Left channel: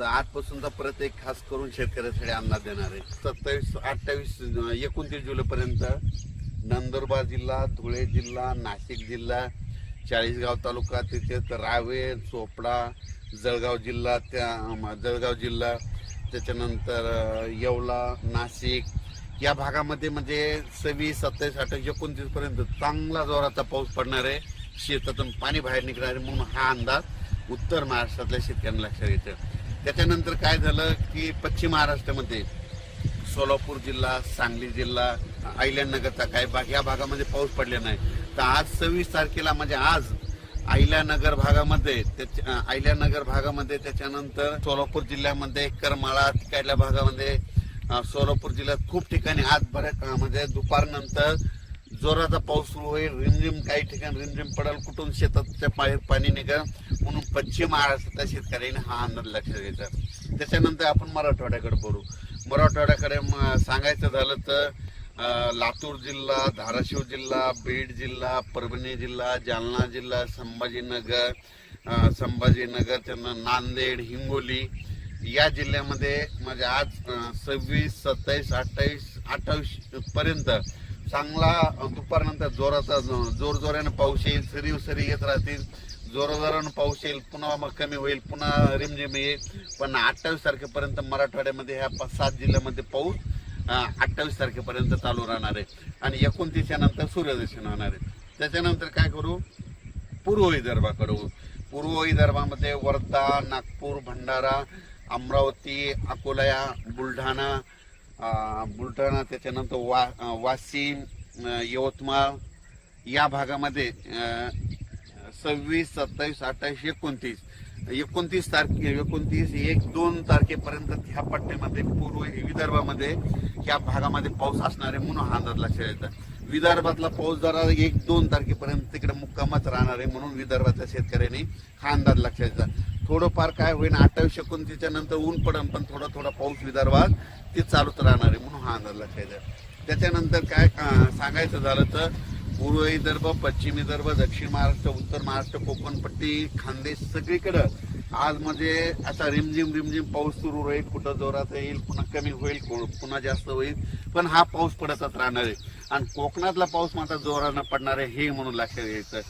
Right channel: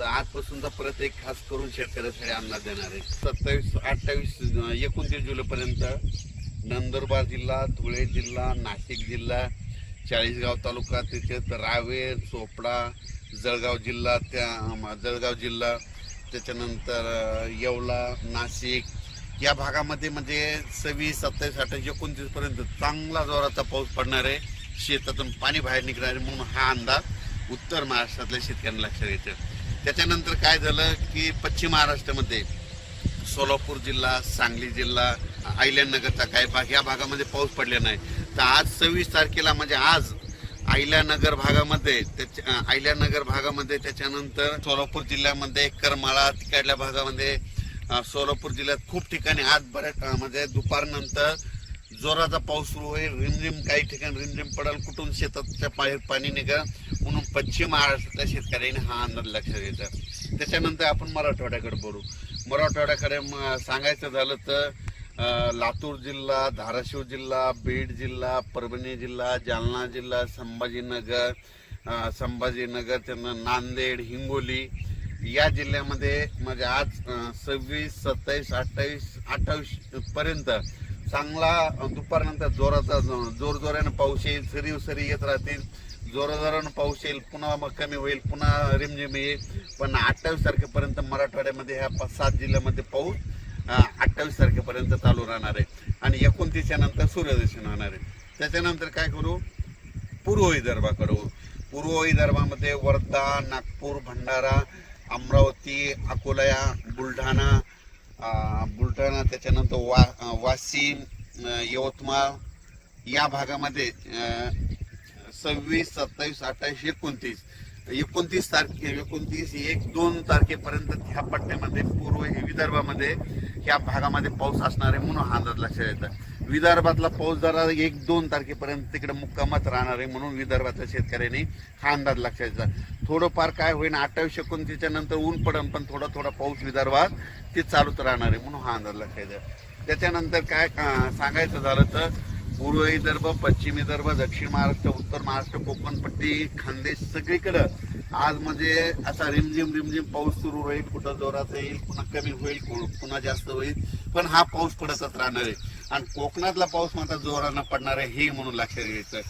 तर आजपासूनचा परत एक खास करून शेतकऱ्यासाठी अंदाज देणार आहे. सत्तावीस अठ्ठावीस एकोणतीस जुलैपर्यंत नंदुरबार जिल्हा धुळे जिल्हा नाशिक जिल्हा चाळीसगाव तालुका तिथेच रावेर चोपडा जळगाव जिल्हा त्या जळगाव जिल्हा त्याच्यानंतर येवला नाशिक या भागामध्ये म्हणजे सव्वीस सत्तावीस अठ्ठावीस एकोणतीसपर्यंत चांगला जोराचा पाऊस पडणार आहे. शेतातून पाणी बाहेर निघणार आहे म्हणून हा अंदाज उत्तर महाराष्ट्रातल्या शेतकऱ्यांना लक्षात येतं त्याच्यानंतर काय झालं की पश्चिम महाराष्ट्रामध्ये सोलापूर जिल्हा सांगली जिल्हा अहिल्यानगरचा काही भाग या भागामध्ये पाऊस पडला नाही. तर आज सव्वीस तारखेला म्हणजे आज अहिल्यानगर भागामध्ये त्याच्या अहिल्यानगर भागामध्ये त्याच्यानंतर सोलापूर जिल्ह्यामध्ये करमाळा तिकडल्या भागामध्ये सोलापूर जिल्ह्यात खूप ठिकाणी आज बऱ्याच म्हणजे दुपारनंतर जोराचा पाऊस सुरू होईल रिमझिम काही ठिकाणी रिमझिम पडेल कुठून शेताच्या बाहेर पाणी निघेल म्हणून पश्चिम महाराष्ट्रातल्या शेतकऱ्यांनी हा अंदाज लक्षात घ्यायचा. त्याच्यानंतर आपण मराठवाड्याकडे बोलू मराठवाड्याकडे सांगायचं झालं तर लातूर जिल्हा धाराशिव जिल्हा बीड जिल्हा परभणी जिल्हा जालना जिल्हा संभाजीनगर संभाजीनगर त्यांना नांदेड हिंगोली या जिल्ह्यामध्ये म्हणजे आज सव्वीस सत्तावीस अठ्ठावीस अठ्ठावीस पर्यंत चांगला दुपारनंतर जोराचा जोर जोरानं पाऊस येईल सरी सरी येत राहतील. जोराजोरानं पाऊस येईल पुन्हा मग कमी होईल पुन्हा रिमझिम येईल. पण अठ्ठावीस तारखेपर्यंत मराठवाड्यामध्ये ह्या पाच सात जिल्ह्यामध्ये पाऊस अठ्ठावीस तारखेपर्यंत चालू राहणार आहे. आणि एकोणतीसच्या नंतर सूर्यदर्शन होणार आहे. त्याच्यानंतर काय करू? पूर्व विदर्भाकडे पूर्व विदर्भामध्ये वर्धा नागपूर भंडारा अमरावती अकोला बुलढाणा बुलढाणा त्याच्यानंतर वा वाशिम यवतमाळ या भागामध्ये सव्वीस सत्तावीस अठ्ठावीस एकोणतीस. एकोणतीस तारखे एकोणतीस एक दोन तारखेपर्यंत ह्या पट्ट्यामध्ये पूर्व विदर्भामध्ये ह्या भागामध्ये पाऊस असणार आहे म्हणून हा अंदाज लक्षात येतात विदर्भातला पाऊस जरा एक दोन तारखेपर्यंत तिकडे मुक्कामच राहणार आहे म्हणून विदर्भातल्या शेतकऱ्यांनी हा अंदाज लक्षात येतात थोडंफार काय होईल अठ्ठावीस एकोणतीसच्या नंतर ऊन पडन पण थोडा थोडा पाऊस विदर्भात ते चालूच राहणार आहे म्हणून हा अंदाज लक्षात येतात त्याच्यानंतर काय सांगायचं झालं तर पूर्व विदर्भ पश्चिम विदर्भ दक्षिण महाराष्ट्र उत्तर महाराष्ट्र कोकणपट्टी खानदेश सगळीकडं आज म्हणजे असा रिमझिम रिमझिम पाऊस सुरू होईल. कुठं जोरात येईल पुन्हा कमी होईल कु- पुन्हा जास्त होईल. पण हा पाऊस पडतच राहणार आहे. आणि कोकणातला पाऊस मात्र जोरानं पडणार आहे हे म्हणून लक्षात घ्यायचं.